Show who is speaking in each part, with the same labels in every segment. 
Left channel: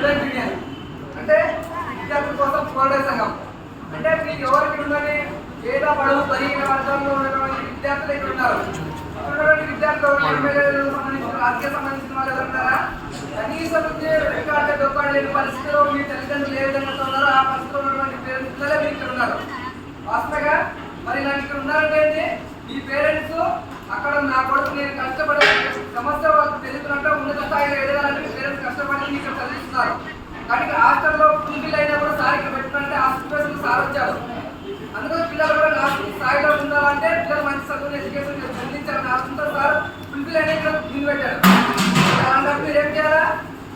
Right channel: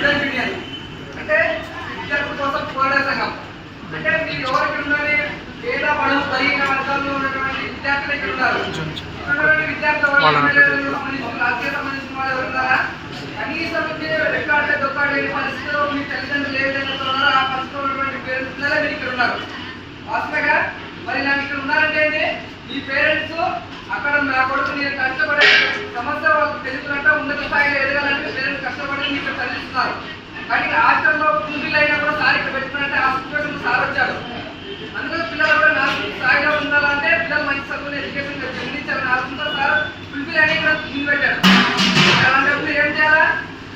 Speaker 1: Student union అంటే విద్యార్థుల కోసం పోరాడే సంఘం. అంటే మీరు ఎవరు ఇక్కడ ఉన్నది పేద బడుగు బలహీన వర్గాల్లో ఉన్నటువంటి విద్యార్థులు ఇక్కడ ఉన్నారు? ఉన్నటువంటి విద్యార్థులు సంబంధించిన రాజకీయ సంబంధించిన వాళ్ళు ఎవరు ఉన్నారా? కనీసం రెక్కాడే దొక్కాడు లేని పరిస్థితిలో మీ తల్లిదండ్రులు ఏ విధంగా ఉన్నారో ఆ పరిస్థితిలో ఉన్నటువంటి పేరెంట్స్ మీరు ఇక్కడ ఉన్నారు. వాస్తవంగా మరి నాకు ఇక్కడ ఉన్నారంటే? మీ పేరెంట్స్ అక్కడ నా కొడుకు నేను కష్టపడే సమస్య వాళ్ళకి తెలుగునంటే ఉన్నత స్థాయిలో పేరెంట్స్ ఇక్కడ చదివిస్తున్నారు. కానీ ఇక్కడ హాస్టల్లో పూజలు అయినా కూడా సార్ ఇక్కడ పెట్టుకున్నట్టే ఆ సిచ్యువేషన్ సార్ వచ్చారు. అందుకని పిల్లలు కూడా నా స్థాయిలో ఉండాలంటే పిల్లలు మంచి చదువుని ఎడ్యుకేషన్ చెందించాలని ఆలోచనతో సార్ ఫుల్ఫిల్ అనే ఇక్కడ ముందు పెట్టారు. అలాంటప్పుడు ఏం చేయాలా?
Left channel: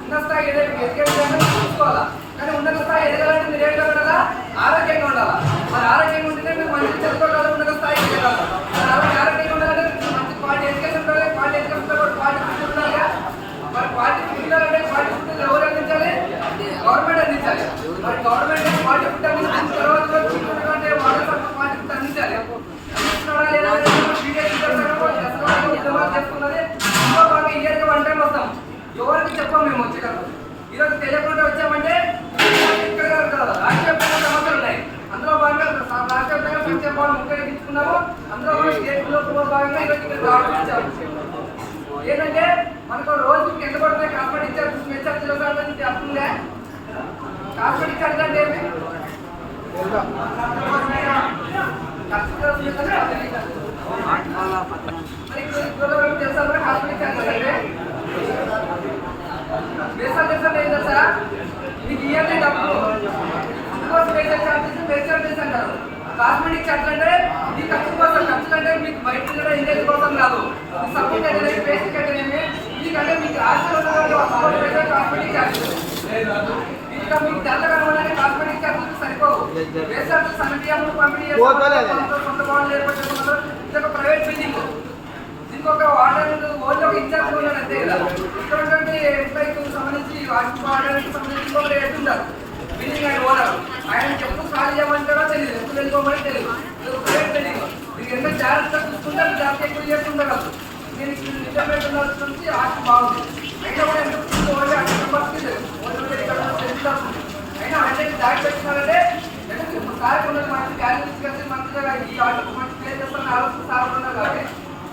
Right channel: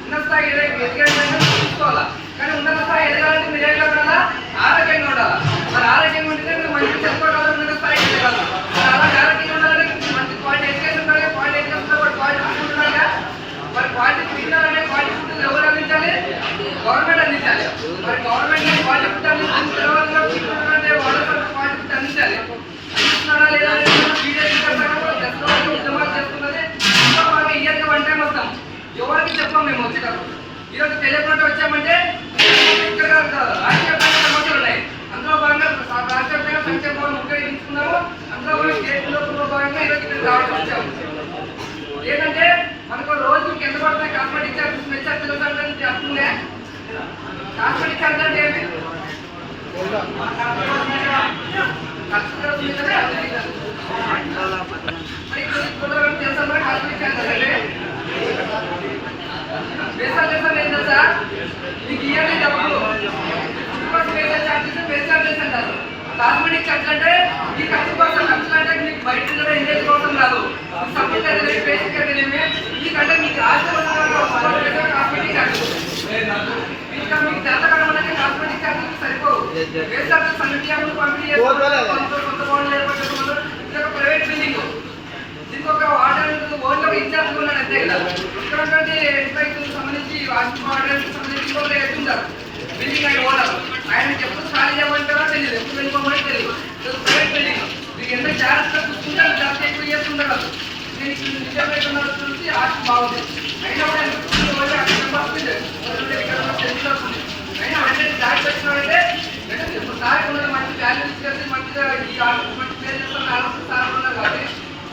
Speaker 1: ఉన్న స్థాయి ఎదగాలంటే చూసుకోవాలా? కానీ ఉన్నత స్థాయి ఎదగాలంటే మీరు ఏం కావాలా ఆరోగ్యంగా ఉండాలా? మరి ఆరోగ్యంగా ఉంటే మీరు మంచి చదువుకోగలరు? ఉన్నత స్థాయికి ఎదగాలి మరి అలాగే ఆరోగ్యంగా ఉండాలంటే మీరు మంచి క్వాలిటీ ఎడ్యుకేషన్ ఉండాలి క్వాలిటీ ఎడ్యుకేషన్ కూడా క్వాలిటీ ఫుడ్ ఉండాలి మరి క్వాలిటీ ఫుడ్ అంటే క్వాలిటీ ఫుడ్ ఎవరు అందించాలి గవర్నమెంట్ అందించాలి. మరి గవర్నమెంట్ ప్రాజెక్ట్ అందించిన తర్వాత కూడా తీసుకున్నటువంటి వాళ్ళతో క్వాలిటీ అందించాలి. అందిస్తున్నారా లేదా అనేది ఉద్యమాలు చేస్తున్నది. ఇంకో భాగంగా ఇయర్కి వన్ టైం వస్తాం. ఎవరికి చెప్పాం మేము వచ్చేటప్పుడు. ఈరోజు తెలియకుండా వచ్చామంటే ఇక్కడ కాదు, రాష్ట్రీయపరంగా సమస్యలు ఉన్నాయి. అందులో భాగంగా రాష్ట్ర రాష్ట్రీయపరంగా సంక్షేమ భవన్ ముఖ్యంగా అందులో స్టేట్లో భాగంగా ఈరోజు ఇక్కడ రావడం వచ్చాము. ఏంటంటే మనకు రోజుకి ఎంత పడుతున్నాయి కాస్మెటిక్ చార్జెస్ మెచ్ చార్జెస్ అంటే చెప్తుందే కాస్మెటిక్ అంటే వరకు బేసాలు ఏం తెలుసా మీకు ఇవన్నీ డబ్బులు ఇంకోటి బేసల్ చార్జెస్ బేస్ అంటారు కాస్మెటిక్ అంటే ఈ ఖర్చు కోసం ఖర్చులు అంటే మీకు బయట కూడా ఎంగేజ్ కోసం కాదు సపోర్ట్ అయితే బేసిక్ అయితేనేమి మీకంటే మీకు ఆశ కాస్మెటిక్ ఇంకా మీకు తెల్ల కనబడాలంటే కాస్మెటిక్ చార్జెస్ సరిపోవు. బేస్ చార్జెస్ సమితి అమలు పంపిణీ చేస్తారు కొంత బాండ్లు ఇది ఒక ప్రైవేట్ బిల్డింగ్ దీనికి ఒక వార్డెన్ ఓన్లీ ఒక ఇన్ఛార్జ్ ఉన్నాడు అంతే. కదా ఇక్కడ ఉన్నటువంటి ఎంప్లాయీకి సంబంధించి వార్డు వార్డెన్కి సంబంధించి ఇంకొక ఎత్తు ఉంటారు. బిల్డింగ్ ఆయన ఓనర్ ఆయన ఎప్పుడు ఖాళీ చేయమంటారో తెలియదు ఎప్పుడు వెళ్ళిపోమని తెలియదు ఇది ఒక ప్రైవేట్ బిల్డింగ్ మీకు ఎంత జాగ్రత్తగా చూసుకుంటే అంత జాగ్రత్త ఎక్కువ నేను ఇక్కడ నిజాయితీ నడుస్తుంది ఆశ బాగుంది. అయినా కూడా ఎంత ఓన్లీ అన్ని అయినా హండ్రెడ్ ఇప్పుడు సార్ కొంచెం మంచి వాల్యూ తీసుకెళ్ళి మంచిగా ఈ ఆర్డర్ మంచి ప్లే ఆలోచన సార్ ఉన్నారు కాబట్టి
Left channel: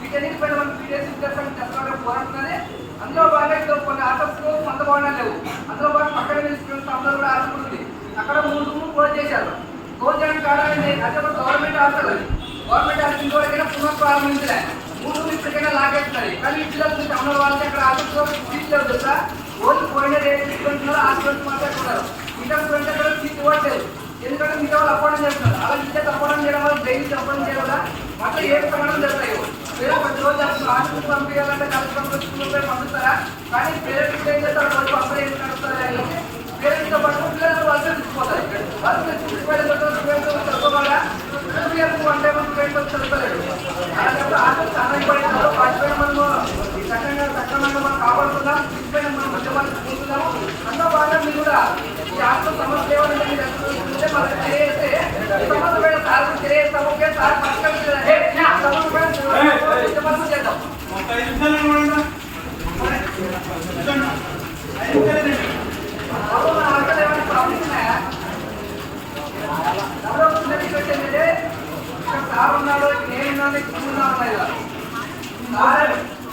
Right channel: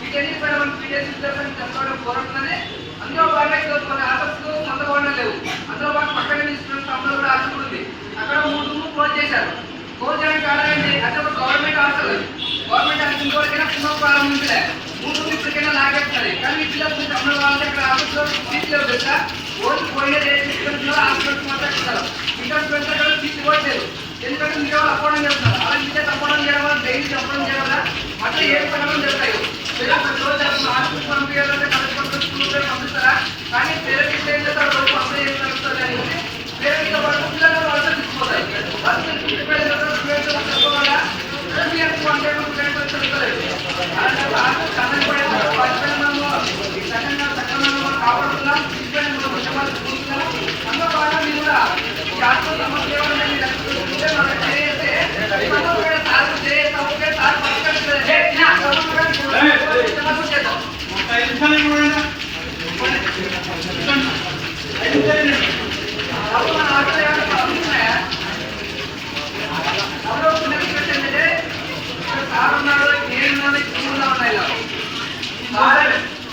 Speaker 1: వీటన్నిటి పైన మనం పీడిఎస్ విద్యార్థులను తెచ్చుకోవడం పోరాడుతుందని అందులో బాగా కొన్ని ఆటోస్ లేవు. అందులో బాగా పక్కన స్టూడెంట్స్ అందరూ కూడా హాస్టల్ ఉంది అక్కడ మూడు రూమ్ క్లోజ్ చేశారు. క్లోజ్ చేయడానికి కారణం ఏంటి ఒక గవర్నమెంట్ హాస్టల్ గవర్నమెంట్ హాస్టల్ ఇంతవరకైనా పునః ప్రారంభించలే. మూడు రూమ్ ఇప్పటికైనా లాగేస్తున్నది కానీ ఈ పిల్లలు కొంచెం ఉన్న వాళ్ళకి అక్కడ ఆఫీస్లో సీట్లు లేవు తెలుసా ఓన్లీ పోయిన స్టూడెంట్స్ హాస్టల్స్ మాత్రమే ఉన్నారు ఇంటర్ స్టూడెంట్స్ అక్కడ సీట్ ఇవ్వట్లేదు ఎందుకంటే మీరు వాళ్ళు అపోవడం చేస్తున్నారు అలా మీరే తప్పడం చేయడం వల్ల డైలీ తప్పడం చేయడం వల్ల అట్లా ఏ పనులు జరుగుతాయి పేద ప్రతి రోజు అసలు ఆఫీస్ పంపించాలంటే కలెక్టర్ స్కూల్లో పంపిస్తారా కానీ పేరెంట్స్ ఏం చేస్తారు వాళ్ళు అప్లై చేసి నడుస్తారు అని పేరెంట్స్ పాటు పిల్లలు వాళ్ళు తీసుకుపోతాయి వాళ్ళు తీసుకుపోయిన స్టూడెంట్స్ తక్కువ ఇయర్స్ అంటే స్టూడెంట్స్ చదువుతలేదు అలాంటప్పుడు ఆఫీస్ అన్నది పడేటప్పుడు వాటిపైన మనము చక్కగా సక్రమంగా కాపాడుతున్నాం వీటిపైన మనం మంది చూస్తున్నాము అందులో భాగంగా మీరు కూడా ఈ ఆత్మ సమస్య మీరు సార్ సార్ చేద్దాం. మన ఆటలు ఏమైనా ప్రాబ్లమ్స్ ఉన్నాయా సార్ ఉన్నాడు ఉన్నాను ఇలా sir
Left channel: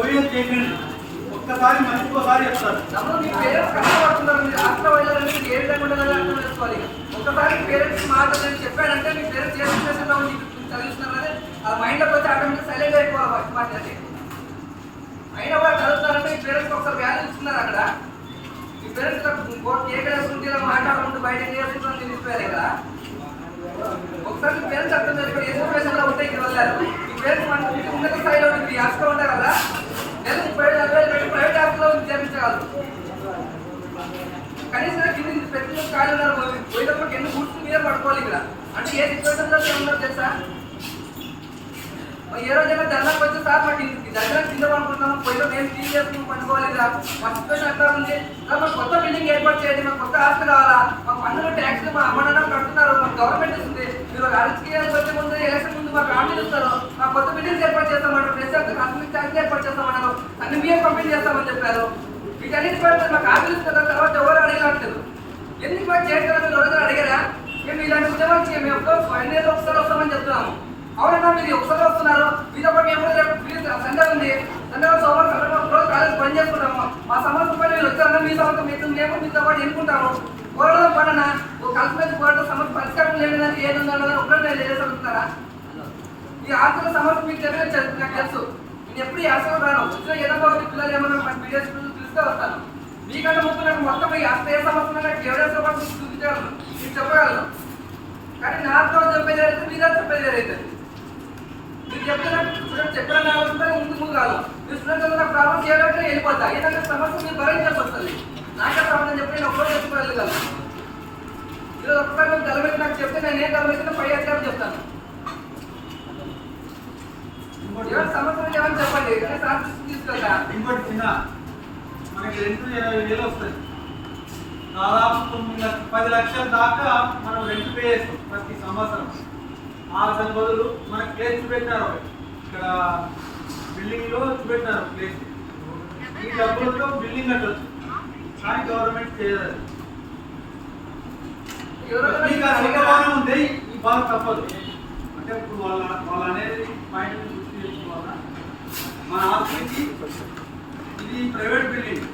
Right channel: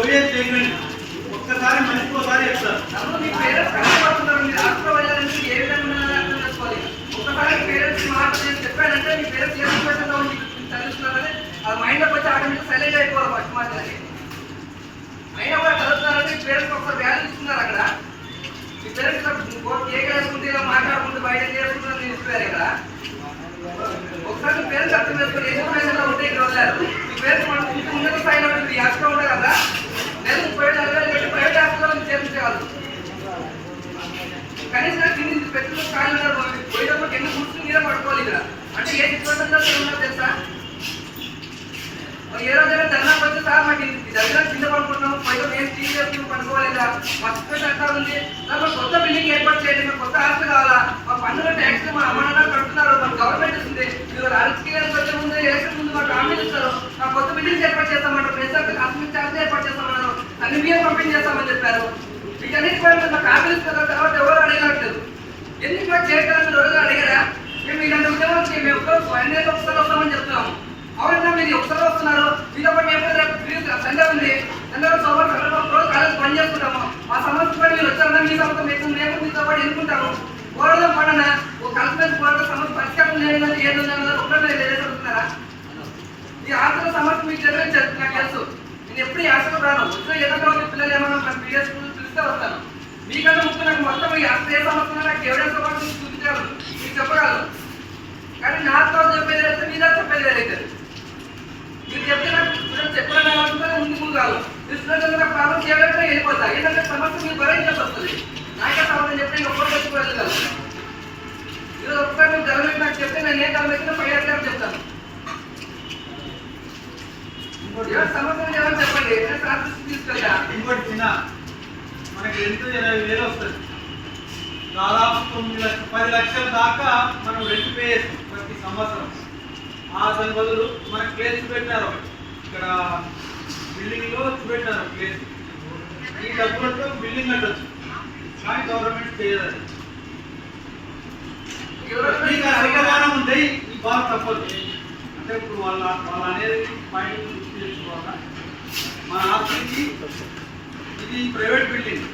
Speaker 2: Soviet Union. ఒక్కసారి మనిషికి ఒకసారి చెప్తారు
Speaker 1: మీ పేరెంట్స్ కష్టపడుతున్నారు. మీరు హాస్టల్ వెళ్ళాలని ఏ విధంగా ఉండాలని అర్థం చేసుకోవాలి? చెప్పానంటే మీ పేరెంట్స్ ఏ సిచ్యువేషన్లో ఉండి చదువుతున్నారని ఆ మైండ్లోకి వచ్చి ఆటోమేటిక్ సైలెంట్ అయిపోవాలి ఫస్ట్ మాట్లాడి అయినా కూడా చదువుతున్నారంటే మీ పేరెంట్స్ ఒకసారి వాల్యూ ఇస్తున్నారు అక్కడ. మీ పేరెంట్స్ కేక్ వేసుకుంటే ఇలా మాట్లాడుకుంటూ బయట చేసుకుంటారు నిలిచిపోయారు ఇక్కడ ఒకసారి మీ పేరెంట్స్ అర్థం చేసుకుని ఏ సిచ్యువేషన్లో ఉంటే ఇక్కడ వదిలేరు మీ పేరెంట్స్ మన ఇంటి ఉన్నత స్థాయిలో ఉంటుంది ఈ హాస్టల్ ఉంటారు కదా నేను ముప్పై ఏడు నలభై వేలు పెట్టి ప్రైవేట్ హాస్టల్లో చేర్పించగలరు కనీసం కింది పెట్టుకుని ఖాళీ ఉన్నారు పోయేటప్పుడు ఎన్ని గుర్తు మీద పట్టుకోవాలి ఇక్కడ అంటే ఏ సిచ్యువేషన్లో ఉన్నారు తెలుసా? ఏ రోజైనా ధర్నాకు వచ్చి సార్ మాకు దగ్గర కింద పడుకుంటున్నాము పోయిన మేము టీవీ చేసుకుని పనుకోలేదా మా సిచ్యువేషన్ ఎట్లా ఉంది. సార్ మాకు కొత్త బిల్డింగ్ ఏర్పాటు చేయండి మాకు కొత్త హాస్టల్ కావాలా? మా పన్నుల ట్యాక్స్ మా అమ్మ నాన్న కడుతున్నారు మా గవర్నమెంట్ ఇస్తుంది మీరు రాజకీయాలకు వచ్చే ముందు ఎలక్షన్ ముందు మాకు హామీలు ఇస్తారు మా కొత్త బిల్డింగ్ ఏర్పాటు చేస్తామంటారు. ప్రెసిడెంట్ కాస్మిక్ ఛార్జ్ ఏర్పాటు చేస్తామన్నారు. అన్ని బియ్యం పంపిణీ చేస్తామని చెప్పారు. వీటన్నిటి పైన మాకు హామీలు ఇస్తారు తర్వాత ఎవరు అడగట్లేదు. ఎందుకు మాకు చేయగలరు రోజు అడిగారా? మేము ఇలాంటి ఉద్యమానికి మేము స్వయం ఒకసారి వస్తామని చెప్తున్నాము అవునన్నా మీరు ఒకసారి వస్తున్నారు? మీతో మేము సెంటర్ ఉంది. సెంటర్ రోజు సోమవారం కాలేజ్ పని చేస్తున్నాము. మా సమస్య పని మీరు వచ్చారన్నా మీ సమస్య మీకు మేము మీతో పాటు ఎన్నుకుంటాము. పోరాడదాం పడనా? ఓ కలిసిమెలిసి పోరాటం సమస్య పరిష్కారం లేదంటే ఏదన్నా ఒకటే లేదని ఈ ఆర్థిక సమస్య మీకు తెలియదు నాకు తెలుసు. నేను ఎప్పుడు ఈ ఆశలు రాను. వచ్చే ఏదైనా పిల్లలు ఏమన్నా మన పీడిఎస్ పిలిస్తే వస్తాను. మీకంటే ముఖ్యం నాకు మొత్తం ఈ ఆస్తి ఏ సమస్య నాకు ఎవరైనా సమస్య చూపించగలను మీకు చెప్పగలను కానీ నాతో చెప్పేది అయితే మీద చెప్పేది అయితే మీరు చెప్తే నాకు స్టూడెంట్ కావాలంటే నేను ముందు ముందు కాదు మీరు స్టూడెంట్ నాకు ప్రాబ్లం చేయాలంటే వెళ్ళిపోతా. ఏంటంటే సమస్య మీరు భరించాల్సి వస్తుంది. నాకే సమాధానం చెప్పి నేను ఒక్కరు తెచ్చుకోగలను ఈరోజు ఒక్కసారి మీరు జరగలేదు నాకు చెప్తే నేను ఏం జరగలేదు పై అధికారం చెప్తాను ఏమని చెప్పండి. తీసుకెళ్తా
Speaker 2: ఇంకోటి చిన్న మనకి రెంట్ ఇరవై వేలు వస్తుంది దాదాపు తొమ్మిది లక్ష పది లక్షల దాకా మనం రెంట్ పే చేస్తాం ప్రతి సంవత్సరం. ఆ దాని బదులు మన ప్లేస్ పెట్టారు ఇక్కడ బిల్డింగ్లో పెట్టారు ప్లేస్ ఈ డబ్బులతో బిల్డింగ్ కట్టచ్చు. కానీ గవర్నమెంట్ చేయదు. అది. మీకు ఆ ఉంటే ఈ బాధ తప్పదు. అంటే ఇప్పుడు వాళ్ళ వాళ్ళ అనేది పాయింట్ గుర్తు మన ఆస్తికి ఇది ప్రైవేట్ బిల్డింగ్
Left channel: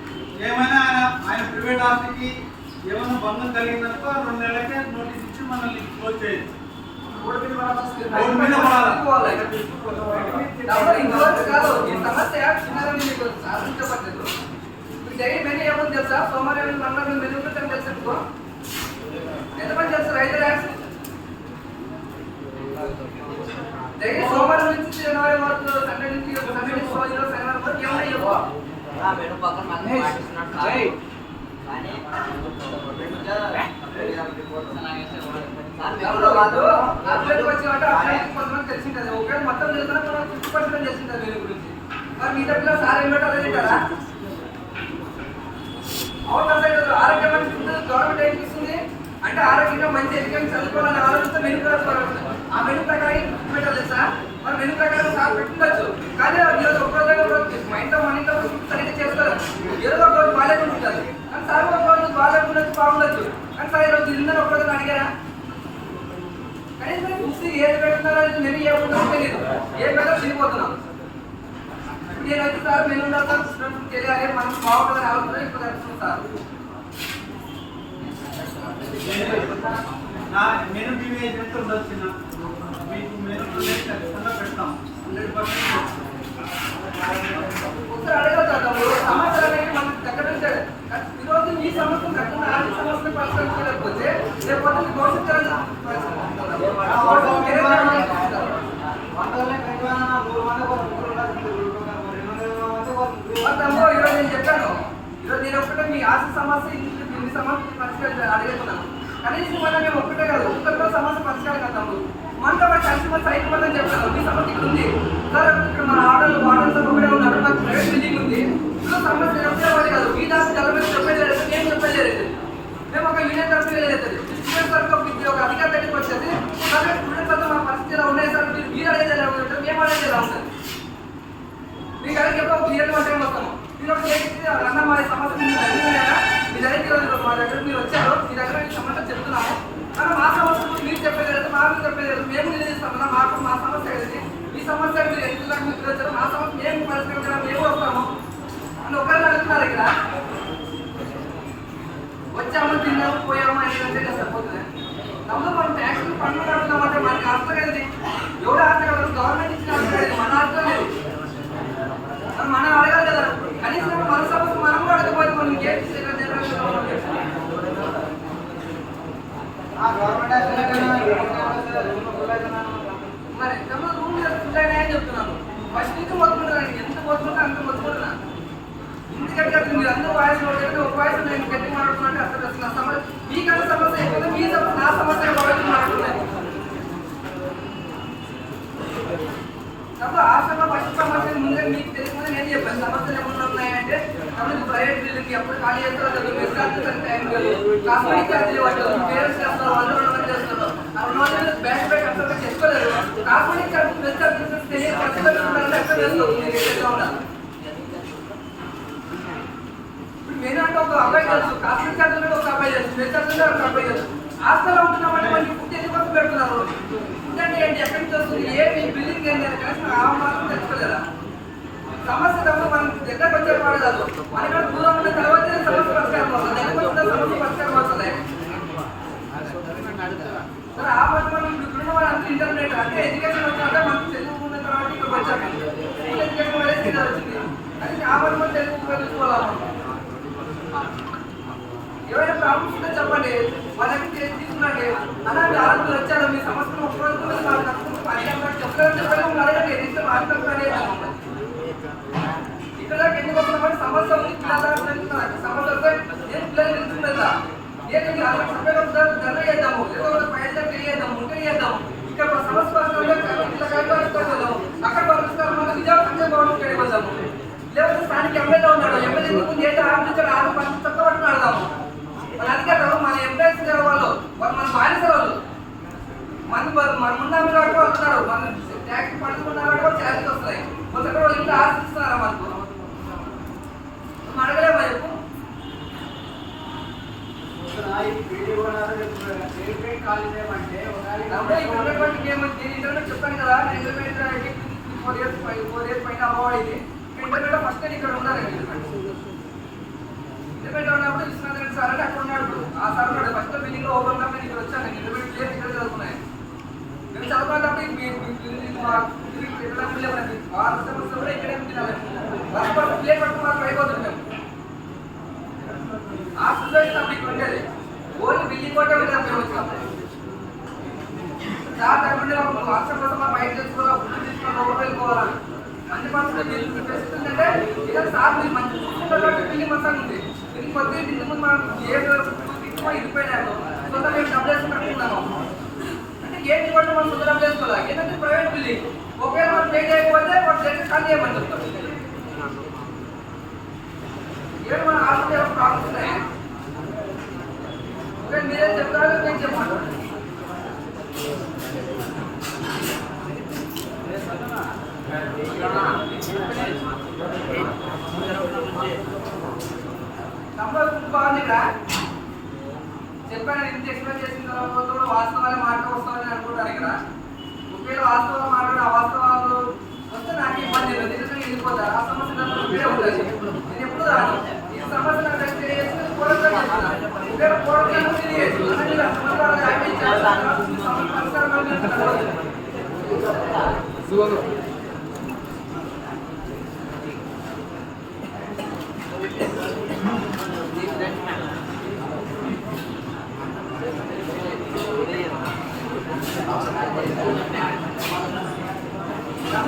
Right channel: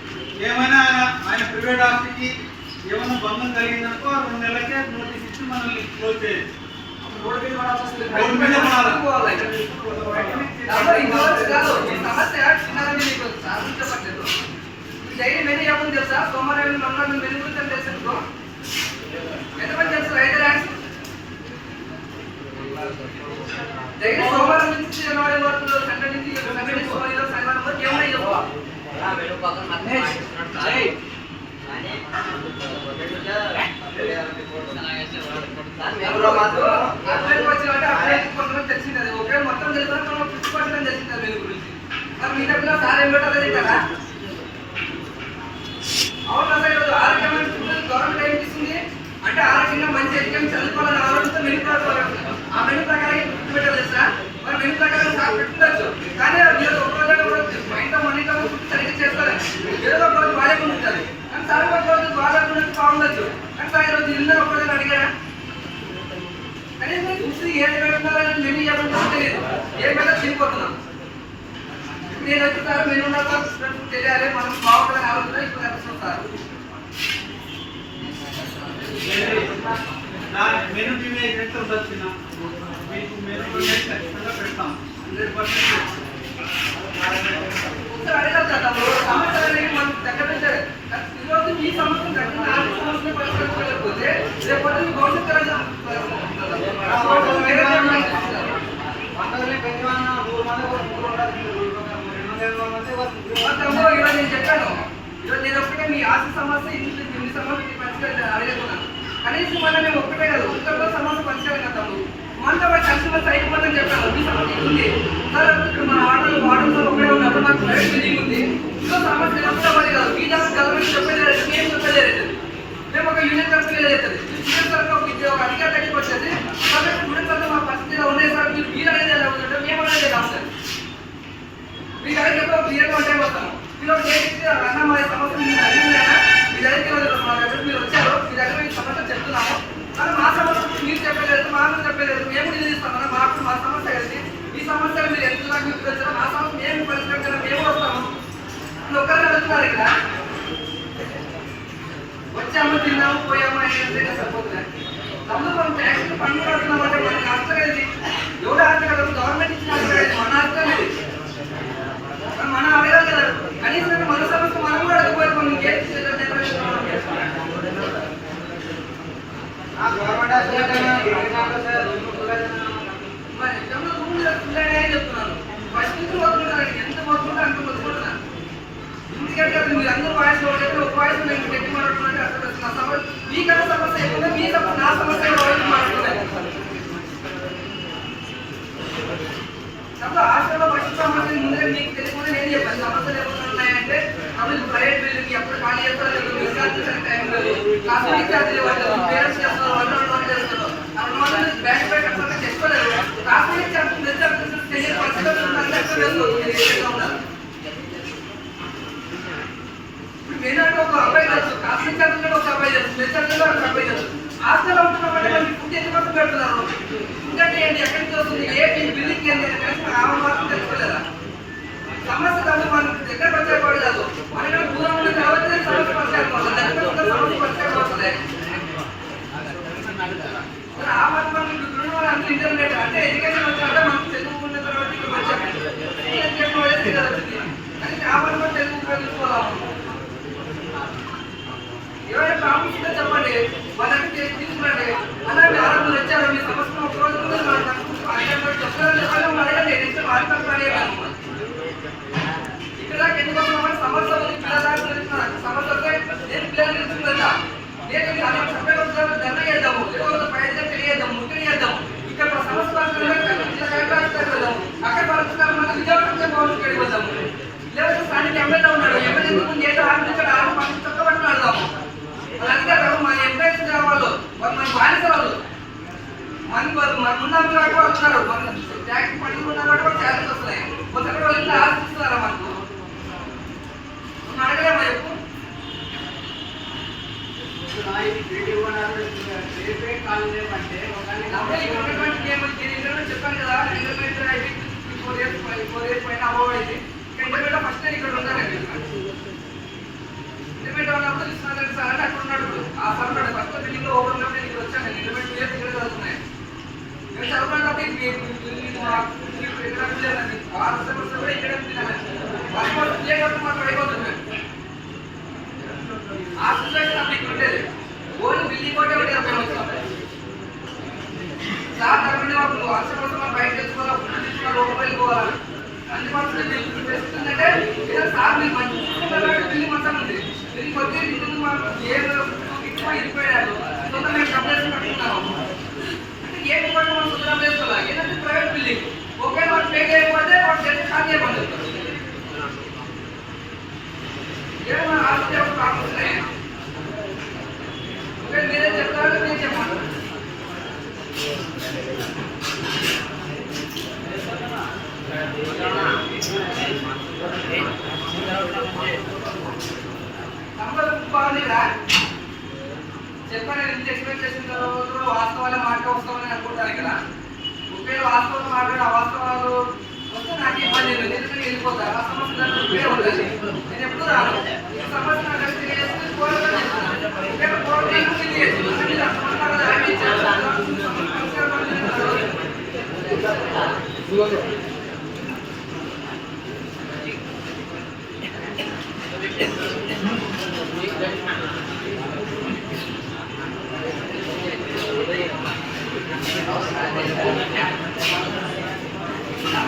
Speaker 2: ఏమైనా ఆయన ఆయన ప్రైవేట్ ఆస్తికి ఏమైనా భంగం కలిగిందనుకో రెండు నెలలకే నోటీస్ ఇచ్చి మనల్ని క్లోజ్ చేయొచ్చు
Speaker 1: డైలీ మెనూ ఏముంది తెలుసా? సోమవారం మంగళవారం మెనూ గురించి తెలుసా మీకు? ఎంతమంది తెలుసు రైతు ర్యాక్స్? డైలీ సోమవారం నుంచి జనవరి వరకు సండే నుంచి సండే నుంచి సోమవారం ఈరోజు శనివారం వరకు ఏమున్నాయి చెప్పు. కాదు. అథ్లెట్ వచ్చినట్టు అథ్లెట్ కొంతమంది తెలిసింది మొత్తం తెలుసుకున్నా మనం ఫిఫ్టీ పర్సెంట్ తెలిసింది దీని గురించి. మరి మీ సార్ ఏం తింటారా? అవును అసలు ఈరోజు ఆరోగ్యం గవర్నమెంట్ ఏం ఇస్తుంది అంటే ఆరోగ్యంగా మంచి ఎడ్యుకేషన్ చదువుకోవాలని ఆలోచిస్తే మెను ప్రకారం ఆ మెను ప్రకారం పెట్టాలి సార్ మరి మెను ప్రకారం సార్ కానీ ఈరోజు ఒక రోజు ఒక రోజు సరిగ్గా చేస్తారు ఏదో ఒక రోజు బాగాలేకుండా ఉంటుంది కానీ సార్ ఒక రోజు బాగాలేకుండా బాగుండొచ్చు. కానీ సార్ ఈరోజు ఇల్లు ఒక రోజు అడిగారా? కనీసం చూసి ఏది పెడుతున్నారని మెను ఏముందో తెలియదు. ఏం పెట్టా తిరిగిపోతున్నాం నేను వచ్చి సార్ మెను ఉన్నాక తెలియాలి మనం బాగుంటుందని ఆలోచన ఇప్పుడు తెలుస్తుంది సార్
Speaker 2: మెను టీవీ చిన్న. మీకు మెను ఖచ్చితంగా పెడతాం. హండ్రెడ్ పర్సెంట్
Speaker 1: ఒకసారి అడగాలి సార్ తమ్ముడు సమస్యలు అనేవి మనకు దగ్గర నుంచి ఈరోజు మీ సమస్య కఠిన ఆర్థిక సమస్యను పరిష్కరించలేకపోతే రేపు పొద్దున్న మీ భవిష్యత్తు తరాలు ఆ భవిష్యత్తు వేరే విధంగా ఆలోచిస్తారు. మా తమ్ముడు ఈరోజు నేను చెప్పాను ఈరోజు నేను ఒక్కటే మీ ఆస్తి సమస్య ఇంటి ఇన్ని సమస్య పరిష్కరించాలి అడగకున్నాను. కనీసం మన మేము ఒక్కటే కాదు ఒక్కరితో సమస్య పరిష్కారం కదా తమ్ముడు. మనతో పాటు కలిసి మన సైట్ మొత్తం చెప్పాను మీ సమస్య ఉంది? సార్ ఇక్కడ మన ఆర్డర్ వార్డర్స్ ఒకటే ఉన్నారు నాకు ప్రైవేట్ బిల్డింగ్ ఉంది. ఇందులో సమస్య ఎవరితో పడి కాదు. మీ దాని గవర్నమెంట్ చెప్పేది లేదు మేము చెప్పేది లేదు. మేము ఒక యూనియన్ తరఫు వెళ్ళేది స్టూడెంట్ తరఫు ఒక ఒక అధికారి దగ్గరికి వచ్చేది. కాబట్టి స్టూడెంట్ తరఫు మా పరిస్థితి ఇలా ఉన్నాయి సార్? మీరు మీరు అడిగేది ఎలా ఉందంటే మేము అడిగేది రావు సార్ మీ దగ్గరికి ఎప్పుడో క్లియర్ అంటే వస్తాము? మీరు ఒక డేట్ అన్న మా సమస్య మీరు అడిగిందా? మీ దగ్గరికి ఈరోజు మా దగ్గర మీరు వచ్చారు. మీ దగ్గర ఈ సమస్య చెప్తున్నాము. అన్న మా సమస్య మీరు చెప్పలేదు మాకు చెప్పలేదు. మేము నిలదీస్తాం అన్న మాకు మా సమస్య ఏంటి? మీ మీరు ఎంత మీరు వచ్చారో మా సమస్య మేము మేము వస్తాము. అని ఒక్కరిని అడుగుతున్నారు ఇక్కడ. వచ్చాము తిన్నాము పోయాము అంటే సరిపోతుంది? నమ్ము ట్యాక్స్ పన్ను కడుతున్నాం అంటే మనకి ఆస్తి ఎవరు ఆస్తి గవర్నమెంట్ ఇచ్చిన ఆస్తి మన ఆస్తి అనేది మరి మనం అడగాలి కదా కనీసం మన సమస్య మనం కూడా అడగకపోతే మనం ఇంకేం చేయాలి? జనరేషన్లో ఉన్నాం. మరి ఎగ్జామ్లో రూమ్ ఫుల్ అని చెప్తున్నాను ఫస్ట్ నుంచి మొదలుకుంటాను ఎంత మొదలుకుంటే అంత మొదలుకుంటున్నా ఎందుకంటే కదా మీరు అందరూ వాయిస్ ఒకటి ఒక వాయిస్ నేను గట్టి మాట్లాడుతున్నట్టు అర్థం వస్తున్నా సమస్య కథ సమస్య ఎక్కువ మీ సమస్య నా సమస్య ఒకటి మాట్లాడుతున్నాయి. అప్పుడు హాస్టల్లో ఫస్ట్ సమస్య ముందే మీకు తెలియకుండా నేను చెప్పాను. సమస్యలు ఎప్పుడు ఉన్నాయంటే మమ్మల్ని ప్రైవేట్ బిల్డింగ్ ఎప్పుడు ఖాళీ చేస్తారో తెలియదు టైం లేదు. కాస్మెటిక్ ఛార్జీలు వాళ్ళు పేరెంట్స్ చేస్తారు వాళ్ళు రెండు వందలు చేస్తారు ఆ రెండు వందలు బ్యాంక్ బ్యాంక్ చేసుకోలేదు కాస్మెటిక్ ఛార్జీలు పరిస్థితులు ఒక అబ్బాయి తెలుసు కాస్మెటిక్ ఛార్జీలు ఒక అబ్బాయి తెలుసు మీరు ఛార్జీలు ఒక అబ్బాయి తెలుసు హాస్టల్లో ఉంటున్నామంటే మనకి ఫుడ్ ఎందుకు పెడుతున్నారు? ఫుడ్ అంటే ఏంటి? ఎక్కడి నుంచి వస్తుంది? బిల్డింగ్ ఏంటి? అని కనీసం ఆ మాత్రం తెలుసుకోలేదా? సమస్య తప్ప మన దగ్గర వచ్చే కాదు. మనకి దూరం ఉన్న తర్వాత సమస్య పరిష్కారం అవుతుంది? దగ్గర ఉన్న సమస్య పరిష్కారం అవుతుంది. సరే ఆ మాట మనం ఇంటర్నెట్ అంటే ఎడ్యుకేషన్ వచ్చినట్టే మనం చదువుకున్న తర్వాత ఇక్కడ వచ్చాము. ఎడ్యుకేషన్ వల్లే వచ్చింది? కానీ ఆ మాట మనం తెలుగు ఉపయోగించుకోవాలి ఎవరైనా చెప్పండి వాళ్ళకి తీసుకురండి అలాంటి ఆరోపణలు వచ్చారు. మీ సమస్యను ఒప్పుకోకుండా చెప్పలేదు చెప్పండి అడగండి నెక్స్ట్ ఆరోగ్యం ఇక్కడ ఎందుకు వస్తున్నామంటే సమస్య ఉంది. పిల్లల తెలుస్తున్నారు. సమస్య వస్తే నేను పిల్లలు నిలుచుకుందా నేను అనేక సభ్యులు వస్తారు ధర్నా చేద్దాము. లేకపోతే పైన ముఖ్యం చేద్దాము. ఇక్కడ సమస్య పరిస్థితుల్లో అక్కడ పరిస్థితులు విజయ లేకపోతే స్థానిక ఎమ్మెల్యే ఉన్నాడు. ఎమ్మెల్యే ఎందుకు చేత ఆరు పంచి తక్కువ అడదాము వెళ్దాము వాళ్ళ అధికారులు మన ఎంప్లాయీస్ వాళ్ళు మన బానిస వాళ్ళు. మన మన ముందు వాళ్ళు ఉన్నారు. మన ట్యాక్స్ పడుతున్నారు కాబట్టి వాళ్ళు శాలరీస్ వస్తున్నాయి. కొంత వాళ్ళు ఇంట్లో ఆశిస్తున్నారా మనకు మనం అడగలేమా చెప్పు చెప్పాను కదా ఇంటర్నెట్ అయితే ఫోర్ ఇయర్స్ ఫోర్ ఇయర్స్ పైన అయింది. ఇంటర్నెట్ ఫస్ట్ ఇక్కడ ఉన్నానండి ఇంటర్మీడియట్ ఉన్నప్పుడు ఇస్తున్నారంటే సార్ అని అక్కడ ఉన్నాడు ఆ సార్ ఉన్నాడు. ఫస్ట్ బిల్డింగ్లో ఓవర్ ఉన్నప్పుడు నేను ఇక్కడ వచ్చాను ఇంటర్మీడియట్ ఇయర్స్ ఇక్కడ చదువుకున్నాను. నేను చదువుకున్నప్పుడు ఈ- ఈ- ఈ- ఈ- మా ఇక్కడ ఉండలేదండి ఆరు సెమిస్టర్ కూడా ఇక్కడే ఉంటున్నాను. ఫస్ట్ ప్లే మాకు అయిపోతున్నాను ఆ సిచ్యువేషన్ అప్పుడు ఇక్కడ ఉండేది. ఓన్లీ బిల్డింగ్ కూడా ఉండేది వచ్చాము సార్ తరపున మాకు వర్ష కోసం మనం బయట తెచ్చుకోవాలి ఫుడ్ తీసుకోవాలి లోపల వెళ్ళిపోవాలి. అన్ని పరిస్థితులు తెస్తుందంటే ఇలా సార్ మీరు మంచి బిల్డింగ్ మంచిగా ఉంది కొద్ది ఇంటి ముందు మనం ఏ ఎక్కువ కొంత మేము అంటే మనం సొంత ప్రైవేట్ బిల్డింగ్ ఒకవేళ మనం పే చేయకపోతే చేసి ఖాళీ చేయమని చెప్తారు. మన ఆస్తి ప్రాబ్లమ్స్ ఉన్నాయి ఒకవేళ మీరే చెప్తారో నేను చెప్పాను. బాగుంది ఇక్కడ చెప్పాను ఇంత ఎక్స్ప్లెయిన్ చేసిన తర్వాత కూడా వాస్తవాలే వస్తామని అనుకుంటాను ఇక్కడ. ఒకవేళ వాస్తవాలు మాట్లాడి అవాస్తవాలు వస్తే నాకు ఇబ్బంది లేదు. ఎందుకంటే ఆ సమస్య నేను ఎప్పుడు రాను. ఈ సమస్య